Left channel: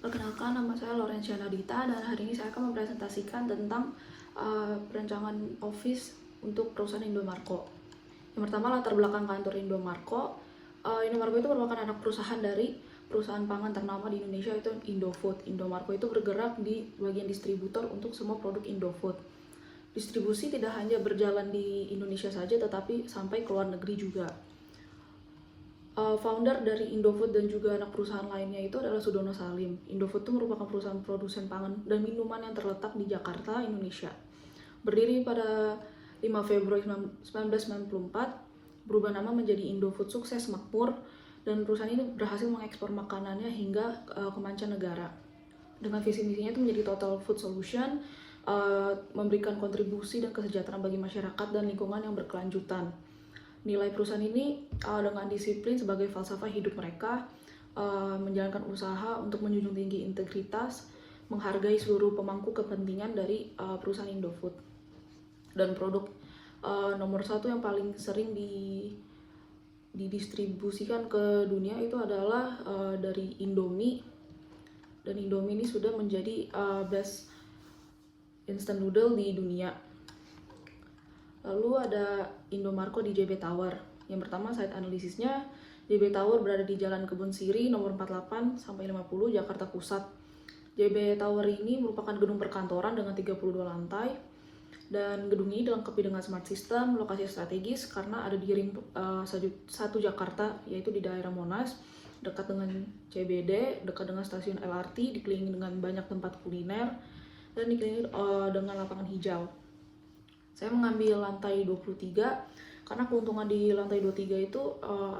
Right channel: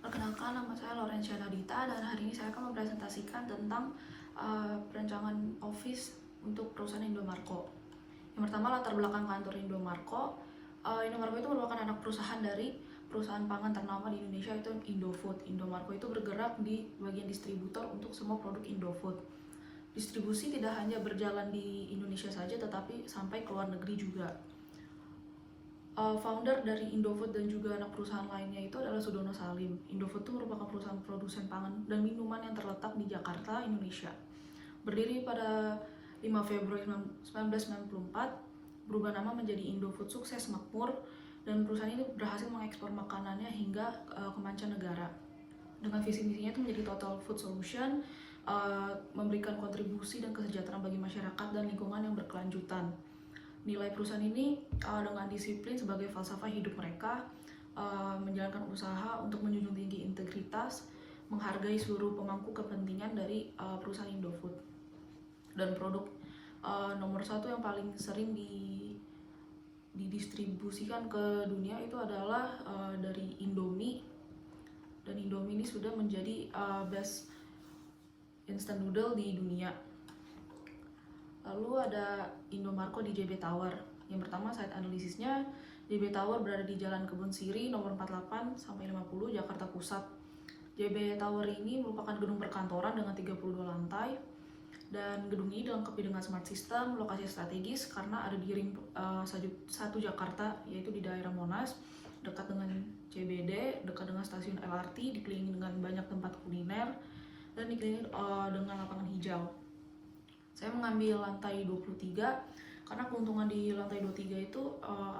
Perkenalkan, nama saya Laurencia Nadita dan hari ini saya akan mempresentasikan tentang perancangan office untuk perusahaan Indomarko. Yang pertama, latar belakang kantor Indomarko. Indomarko itu merupakan anak perusahaan dari perusahaan pangan ternama di Indonesia, yaitu Indofood. Indomarko itu bergerak di bagian distributor untuk semua produk Indofood. Distribusi tidak hanya berjalan di Indonesia saja, tetapi sampai ke luar negeri juga. Founder dari Indofood dan juga anak perusahaan lainnya itu adalah Sudono Salim. Indofood itu merupakan perusahaan produsen pangan dan minuman yang terletak di Jakarta, Indonesia. Berdiri pada 5 Februari 1994, berubah nama menjadi Indofood Sukses Makmur, dan perusahaan ini berhasil mengekspor makanannya hingga ke mancanegara. Dengan visi misinya itu menjadi Total Food Solution, memberikan kontribusi dan kesejahteraan bagi masyarakat dan lingkungan yang berkelanjutan. Nilai perusahaan ini dengan disiplin sebagai falsafah hidup mereka, menjalankan usaha untuk menjunjung tinggi integritas, menghargai seluruh pemangku kepentingan dari perusahaan Indofood. Dan produk nomor satu yang paling sering didistribusikan ke dunia itu adalah dari Indomie. Dan Indomie ini sudah menjadi best instant noodle di dunia. Lalu ada Indomarko di JB Tower. Yang pertama, site analisisnya, JB Tower berada di Jalan Kebun Siri nomor 48 sampai 50 Jakarta Pusat. JB Tower ini merupakan gedung perkantoran dengan 32 lantai, dan gedung ini dilengkapi dengan smart system, lokasi strategis karena ada di ring 1 Jakarta, yaitu di daerah Monas, dekat dengan CBD, dekat dengan stasiun LRT, dikelilingi dengan banyak tempat kuliner, dan dikelilingi dengan lapangan hijau. Saya mengambil lantai 23 karena keuntungan di lantai 23 itu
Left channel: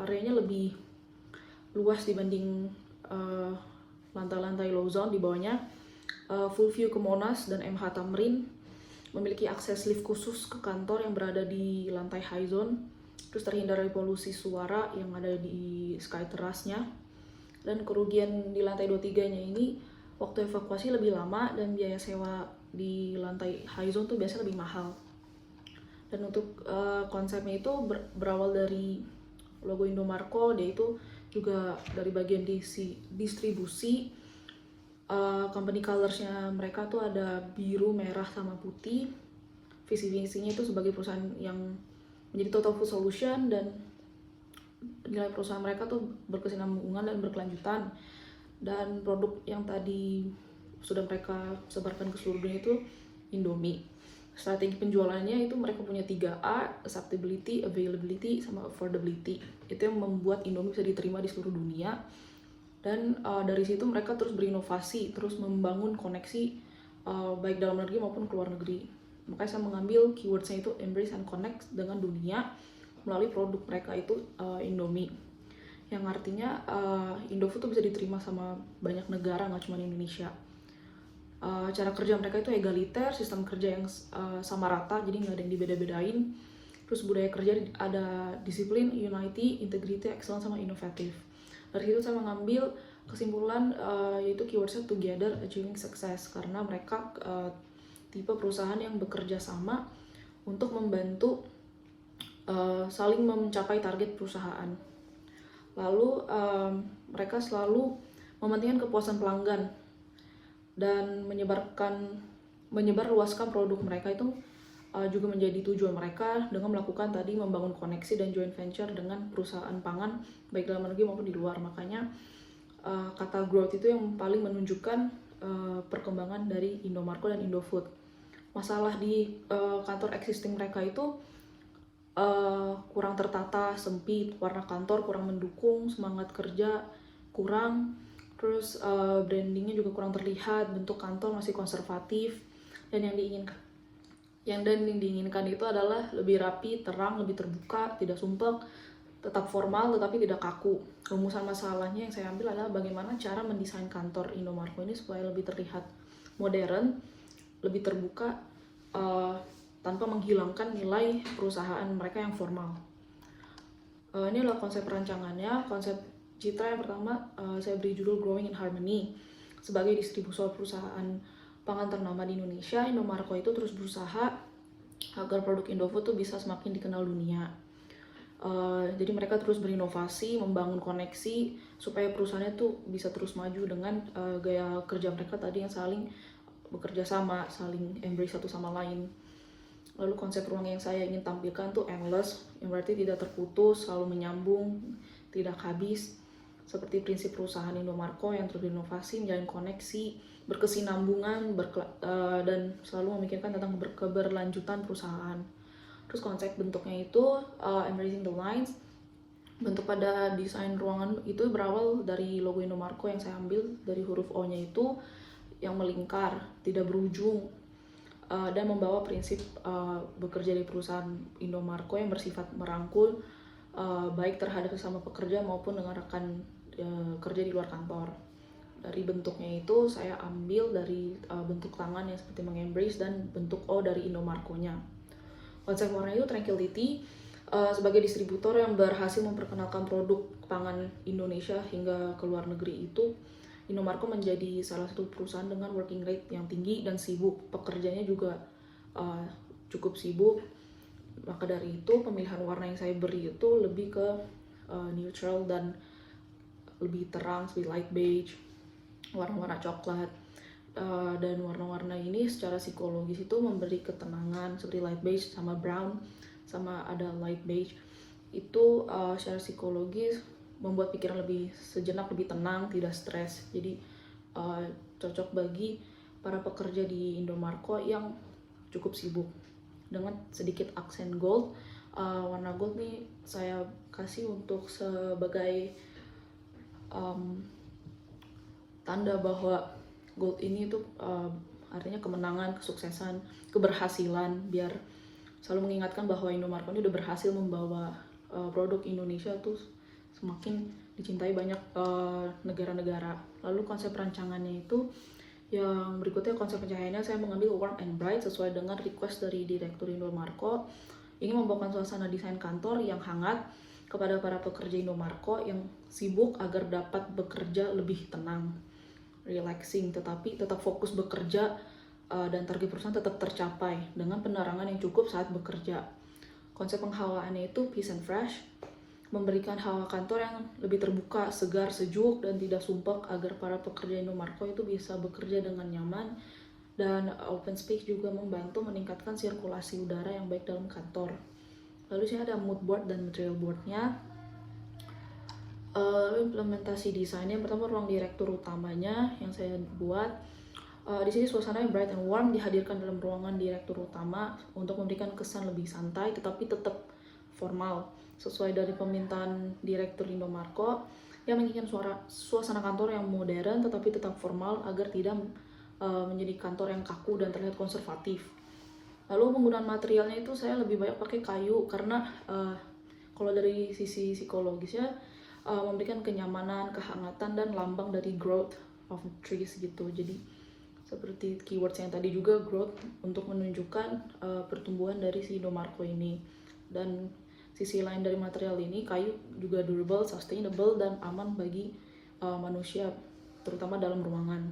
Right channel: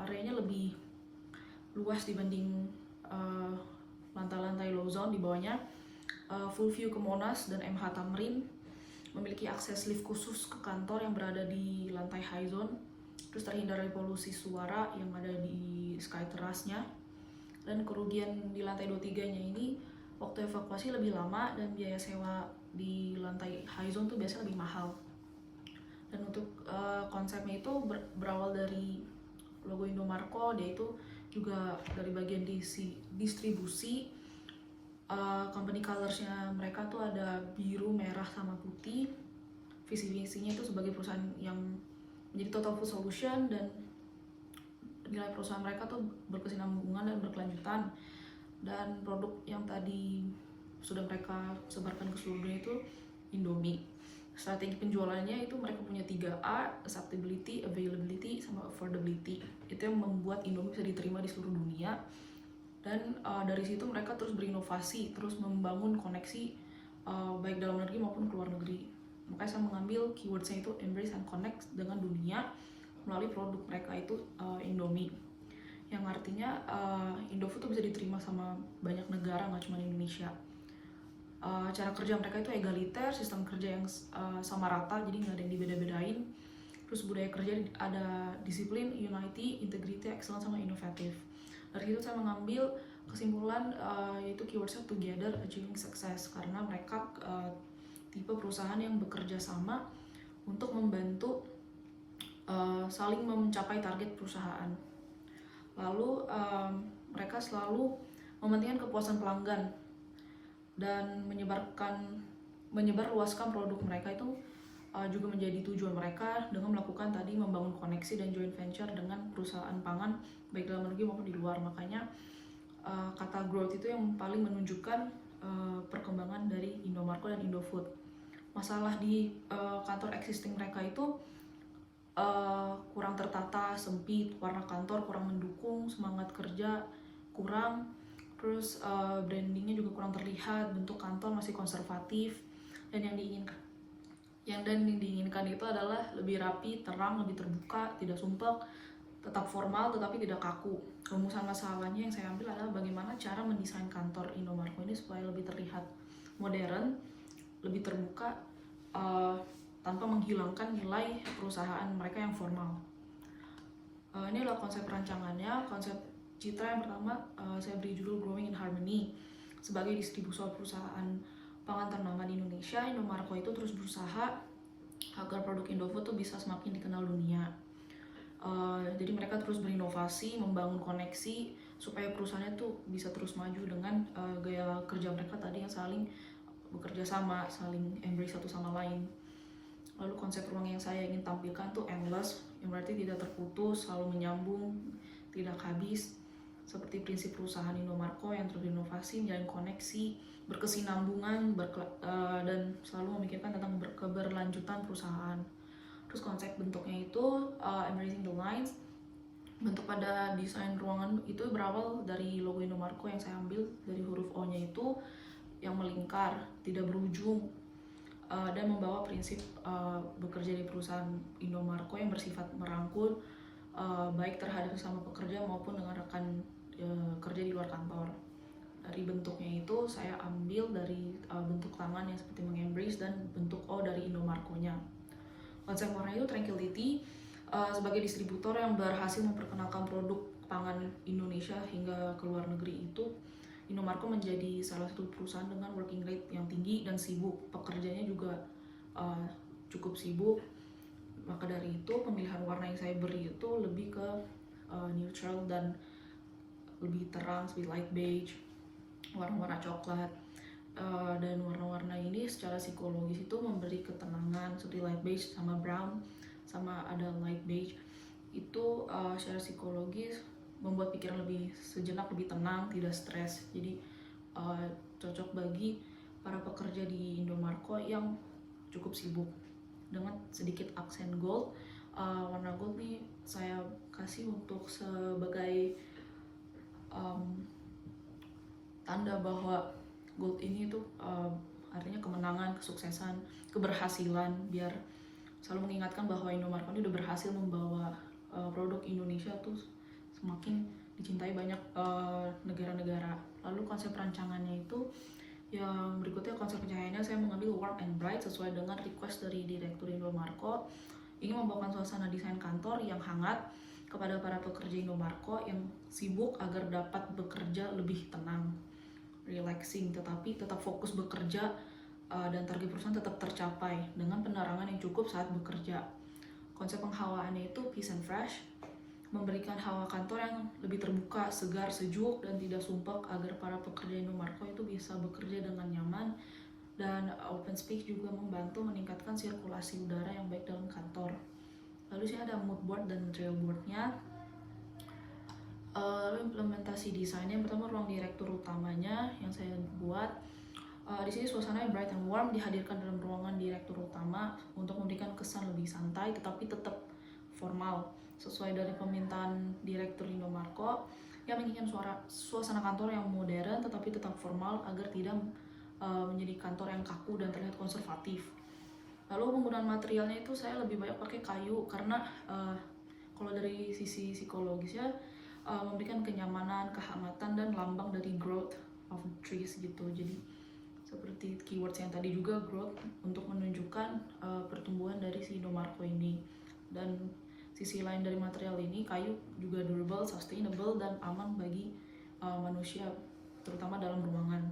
areanya lebih luas dibanding lantai-lantai low zone di bawahnya. Full view ke Monas dan MH Tamrin, memiliki akses lift khusus ke kantor yang berada di lantai high zone, terus terhindar dari polusi suara yang ada di sky terasnya. Dan kerugian di lantai 23-nya ini, waktu evakuasi lebih lama dan biaya sewa di lantai high zone tuh biasanya lebih mahal. Dan untuk konsepnya itu berawal dari logo Indomarko, dia itu juga dari bagian distribusi. Company colorsnya mereka tuh ada biru, merah, sama putih. Visi misinya itu sebagai perusahaan yang menjadi total food solution, dan nilai perusahaan mereka tuh berkesinambungan dan berkelanjutan. Dan produk yang tadi sudah mereka sebarkan ke seluruh dunia itu Indomie. Strategi penjualannya itu mereka punya 3A, acceptability, availability, sama affordability. Itu yang membuat Indomie bisa diterima di seluruh dunia. Dan dari situ mereka terus berinovasi, terus membangun koneksi baik dalam negeri maupun ke luar negeri. Makanya saya mengambil keywordsnya itu embrace and connect dengan dunia melalui produk mereka itu Indomie. Yang artinya Indofood tuh bisa diterima sama banyak negara, nggak cuma Indonesia. Cara kerja mereka itu egaliter, sistem kerja yang sama rata, jadi nggak ada yang dibeda-bedain. Terus budaya kerja ada disiplin, unity, integrity, excellence, sama inovatif. Dari situ saya mengambil kesimpulan yaitu keywordsnya together achieving success, karena mereka tipe perusahaan yang bekerja sama untuk membantu saling mencapai target perusahaan. Lalu mereka selalu mementingkan kepuasan pelanggan dan menyebarluaskan produk mereka itu juga menjadi tujuan mereka dengan melakukan tadi membangun koneksi dan joint venture dengan perusahaan pangan baik dalam negeri maupun di luar. Makanya kata growth itu yang paling menunjukkan perkembangan dari Indomarko dan Indofood. Masalah di kantor existing mereka itu kurang tertata, sempit, warna kantor kurang mendukung, semangat kerja kurang, terus brandingnya juga kurang terlihat, bentuk kantor masih konservatif, dan yang diinginkan itu adalah lebih rapi, terang, lebih terbuka, tidak sumpek, tetap formal tetapi tidak kaku. Rumusan masalahnya yang saya ambil adalah bagaimana cara mendesain kantor Indomarko ini supaya lebih terlihat modern, lebih terbuka, tanpa menghilangkan nilai perusahaan mereka yang formal. Ini adalah konsep rancangannya. Konsep citra yang pertama saya beri judul Growing in Harmony. Sebagai distributor perusahaan pangan ternama di Indonesia, Indomarko itu terus berusaha agar produk Indofood tuh bisa semakin dikenal dunia. Jadi mereka terus berinovasi, membangun koneksi supaya perusahaannya tuh bisa terus maju dengan gaya kerja mereka tadi yang saling bekerja sama, saling embrace satu sama lain. Lalu konsep ruang yang saya ingin tampilkan tuh endless, yang berarti tidak terputus, selalu menyambung, tidak habis. Seperti prinsip perusahaan Indomarko yang terus berinovasi, menjalin koneksi, berkesinambungan, dan selalu memikirkan tentang keberlanjutan perusahaan. Terus konsep bentuknya itu embracing the lines. Bentuk pada desain ruangan itu berawal dari logo Indomarko yang saya ambil dari huruf O-nya itu yang melingkar, tidak berujung, dan membawa prinsip bekerja di perusahaan Indomarko yang bersifat merangkul, baik terhadap sesama pekerja maupun dengan rekan kerja di luar kantor. Dari bentuknya itu saya ambil dari bentuk tangan yang seperti mengembrace dan bentuk O dari Indomarko-nya. Konsep warna itu tranquility, sebagai distributor yang berhasil memperkenalkan produk pangan Indonesia hingga ke luar negeri itu, Indomarko menjadi salah satu perusahaan dengan working rate yang tinggi dan sibuk. Pekerjanya juga cukup sibuk. Maka dari itu pemilihan warna yang saya beri itu lebih ke neutral dan lebih terang seperti light beige, warna-warna coklat. Dan warna-warna ini secara psikologis itu memberi ketenangan seperti light beige sama brown sama ada light beige itu secara psikologis membuat pikiran lebih sejenak lebih tenang, tidak stres. Jadi cocok bagi para pekerja di Indomarko yang cukup sibuk. Dengan sedikit aksen gold, warna gold nih saya kasih untuk sebagai tanda bahwa gold ini tuh artinya kemenangan, kesuksesan, keberhasilan, biar selalu mengingatkan bahwa Indomarko ini udah berhasil membawa produk Indonesia tuh semakin dicintai banyak negara-negara. Lalu konsep rancangannya itu yang berikutnya, konsep pencahayaannya saya mengambil warm and bright sesuai dengan request dari Direktur Indomarko. Ingin membawakan suasana desain kantor yang hangat kepada para pekerja Indomarko yang sibuk agar dapat bekerja lebih tenang, relaxing, tetapi tetap fokus bekerja dan target perusahaan tetap tercapai dengan penerangan yang cukup saat bekerja. Konsep penghawaannya itu peace and fresh, memberikan hawa kantor yang lebih terbuka, segar, sejuk, dan tidak sumpek agar para pekerja Indomarko itu bisa bekerja dengan nyaman. Dan open space juga membantu meningkatkan sirkulasi udara yang baik dalam kantor. Lalu sini ada mood board dan material boardnya. Lalu implementasi desainnya, yang pertama ruang direktur utamanya yang saya buat. Di sini suasana yang bright and warm dihadirkan dalam ruangan direktur utama untuk memberikan kesan lebih santai tetapi tetap formal sesuai dari permintaan Direktur Indomarko yang menginginkan suasana kantor yang modern tetapi tetap formal agar tidak menjadi kantor yang kaku dan terlihat konservatif. Lalu penggunaan materialnya itu saya lebih banyak pakai kayu karena kalau dari sisi psikologisnya memberikan kenyamanan, kehangatan, dan lambang dari growth of the trees gitu. Jadi seperti keywords yang tadi juga, growth untuk menunjukkan pertumbuhan dari si Indomarko ini. Dan sisi lain dari material ini, kayu juga durable, sustainable, dan aman bagi manusia, terutama dalam ruangan.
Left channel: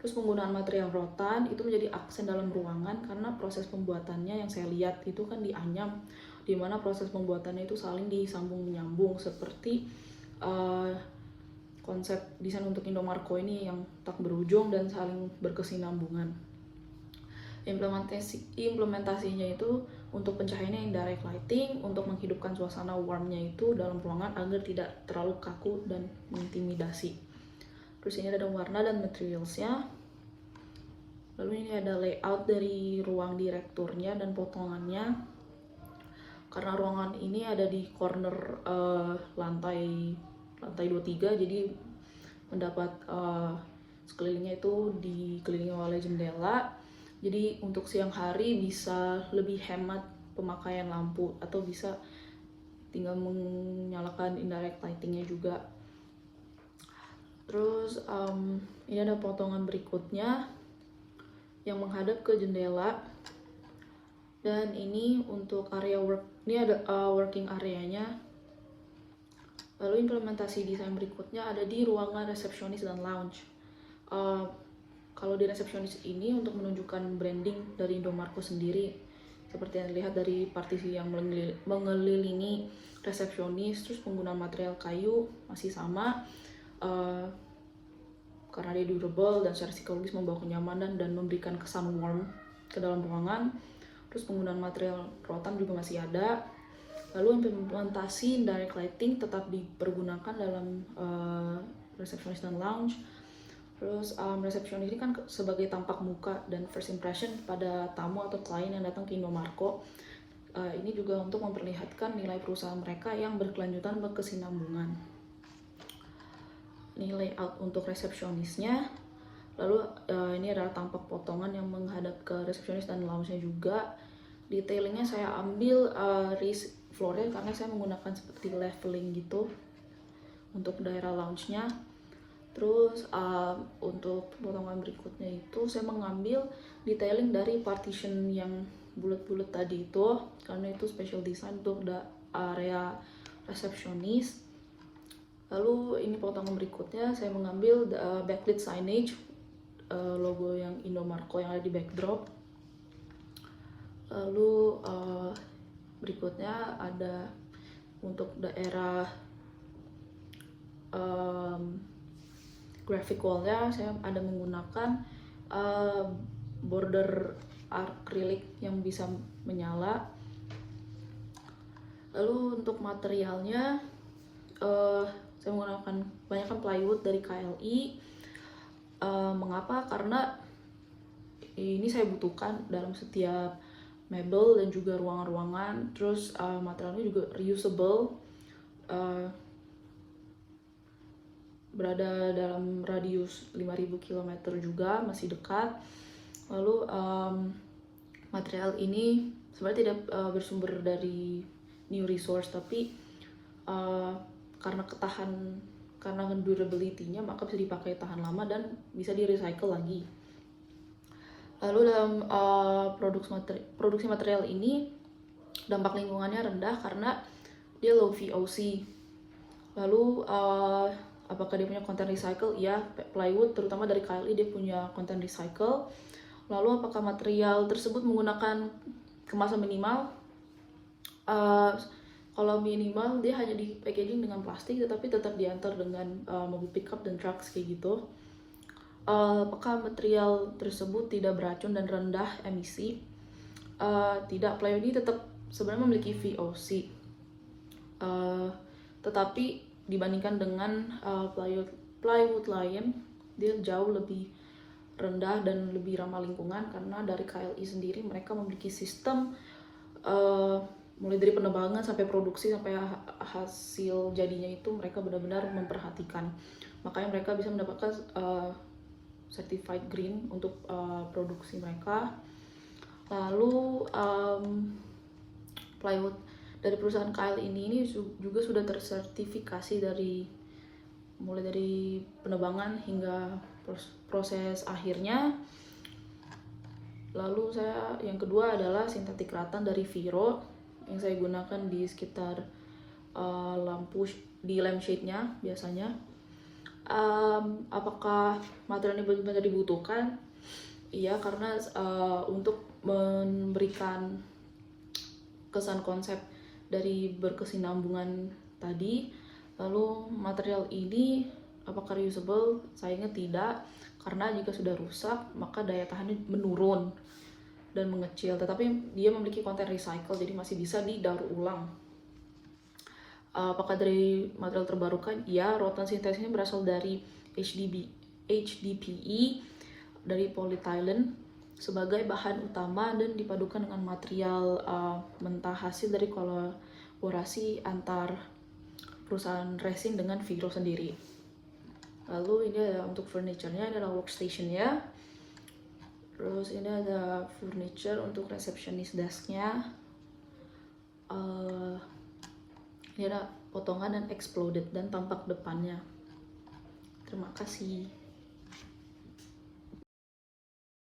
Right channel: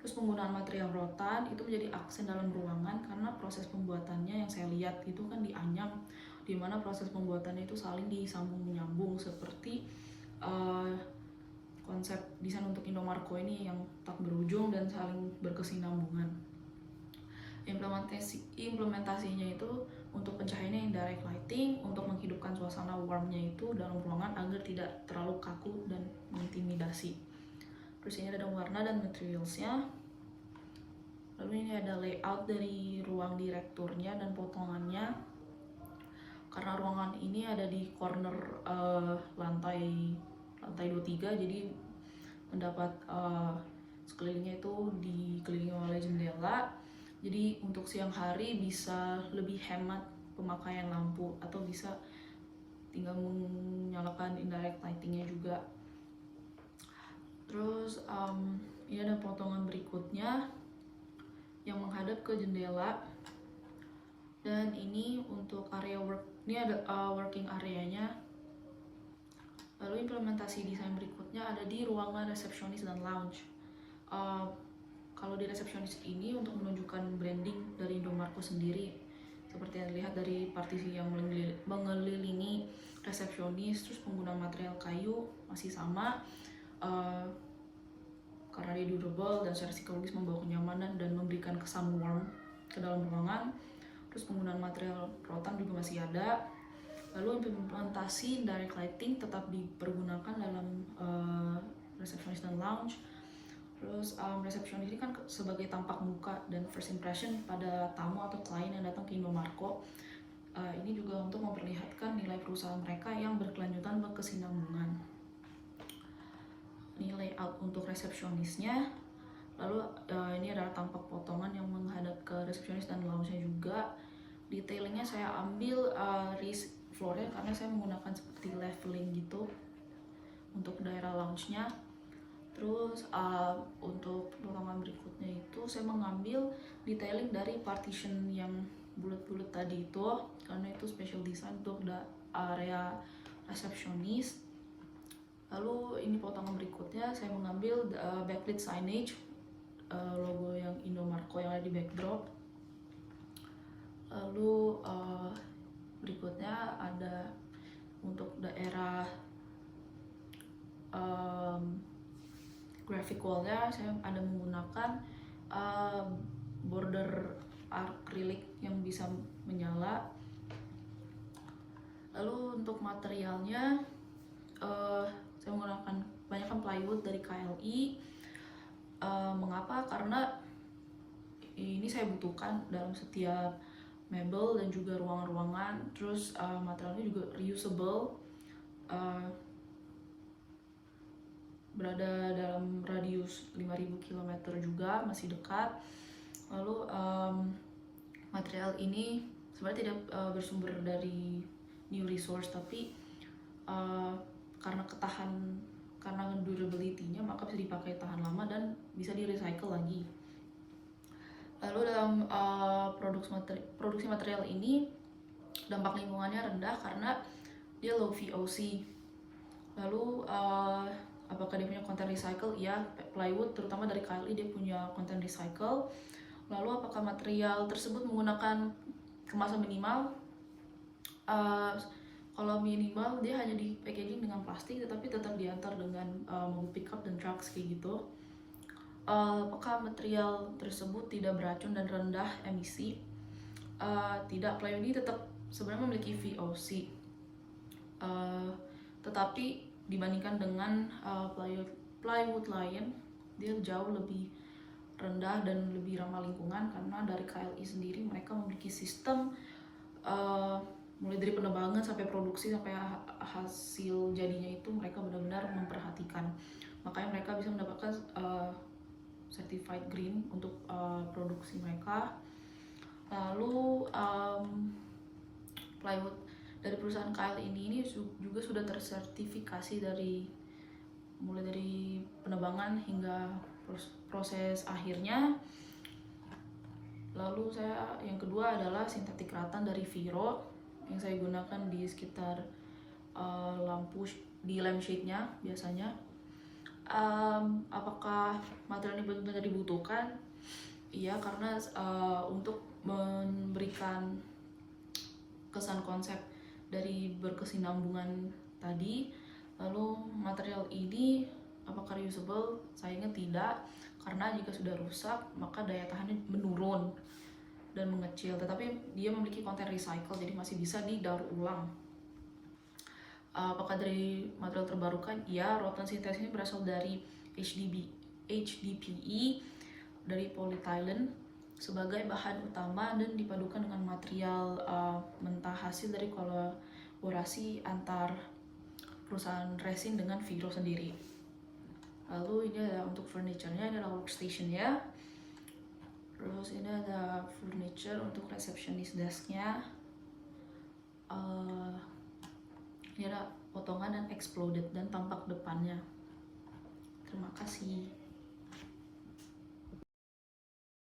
Terus penggunaan material rotan itu menjadi aksen dalam ruangan karena proses pembuatannya yang saya lihat itu kan dianyam, di mana proses pembuatannya itu saling disambung menyambung seperti konsep desain untuk Indomarko ini yang tak berujung dan saling berkesinambungan. Implementasinya itu untuk pencahayaannya indirect lighting untuk menghidupkan suasana warmnya itu dalam ruangan agar tidak terlalu kaku dan mengintimidasi. Terus ini ada warna dan materialsnya. Lalu ini ada layout dari ruang direkturnya dan potongannya. Karena ruangan ini ada di corner lantai 23, jadi mendapat sekelilingnya itu dikelilingi oleh jendela. Jadi untuk siang hari bisa lebih hemat pemakaian lampu atau bisa tinggal menyalakan indirect lightingnya juga. Terus ini ada potongan berikutnya yang menghadap ke jendela. Dan ini untuk area work, ini ada working areanya. Lalu implementasi desain berikutnya ada di ruangan resepsionis dan lounge. Kalau di resepsionis ini untuk menunjukkan branding dari Indomarko sendiri, seperti yang dilihat dari partisi yang mengelilingi resepsionis. Terus penggunaan material kayu masih sama, karena dia durable dan secara psikologis membawa kenyamanan dan memberikan kesan warm ke dalam ruangan. Terus penggunaan material rotan juga masih ada. Lalu implementasi direct lighting tetap dipergunakan dalam resepsionis dan lounge. Terus resepsionis ini kan sebagai tampak muka dan first impression pada tamu atau klien yang datang ke Indomarko. Ini juga untuk memperlihatkan nilai perusahaan mereka yang berkelanjutan berkesinambungan. Ini layout untuk resepsionisnya. Lalu ini adalah tampak potongan yang menghadap ke resepsionis dan lounge-nya juga. Detailingnya saya ambil raised floor-nya karena saya menggunakan seperti leveling gitu untuk daerah lounge-nya. Terus untuk potongan berikutnya itu saya mengambil detailing dari partition yang bulat-bulat tadi itu, karena itu special design untuk area resepsionis. Lalu ini potongan berikutnya saya mengambil backlit signage, logo yang Indomarko yang ada di backdrop. Lalu berikutnya ada untuk daerah graphic wall-nya saya ada menggunakan border acrylic yang bisa menyala. Lalu untuk materialnya saya menggunakan banyakkan plywood dari KLI. Mengapa? Karena ini saya butuhkan dalam setiap mebel dan juga ruangan-ruangan. Terus materialnya juga reusable, berada dalam radius 5.000 km juga, masih dekat. Lalu material ini sebenarnya tidak bersumber dari new resource, tapi karena durability-nya maka bisa dipakai tahan lama dan bisa di recycle lagi. Lalu dalam produksi material ini dampak lingkungannya rendah karena dia low VOC. Lalu apakah dia punya konten recycle? Ya, plywood terutama dari KLI dia punya konten recycle. Lalu apakah material tersebut menggunakan kemasan minimal? Kalau minimal dia hanya di packaging dengan plastik, tetapi tetap diantar dengan mobil pickup dan trucks kayak gitu. Apakah material tersebut tidak beracun dan rendah emisi? Tidak, plywood ini tetap sebenarnya memiliki VOC, tetapi dibandingkan dengan plywood lain, dia jauh lebih rendah dan lebih ramah lingkungan, karena dari KLI sendiri mereka memiliki sistem mulai dari penebangan sampai produksi sampai hasil jadinya itu mereka benar-benar memperhatikan. Makanya mereka bisa mendapatkan certified green untuk produksi mereka. Lalu plywood dari perusahaan KLI ini juga sudah tersertifikasi mulai dari penebangan hingga proses akhirnya. Lalu yang kedua adalah sintetik ratan dari Viro yang saya gunakan di sekitar lampu di lampshade-nya biasanya. Apakah material ini benar-benar dibutuhkan? Iya, karena untuk memberikan kesan konsep dari berkesinambungan tadi. Lalu material ini apakah reusable? Sayangnya tidak, karena jika sudah rusak maka daya tahannya menurun dan mengecil, tetapi dia memiliki konten recycle jadi masih bisa didaur ulang. Apakah dari material terbarukan? Ya, rotan sintetis ini berasal dari HDPE dari polyethylene sebagai bahan utama dan dipadukan dengan material mentah hasil dari kolaborasi antar perusahaan resin dengan Viro sendiri. Lalu ini ada untuk furniture-nya, ini adalah workstation-nya. Terus ini ada furniture untuk receptionist desk-nya. Ini ada potongan dan exploded dan tampak depannya. Terima kasih.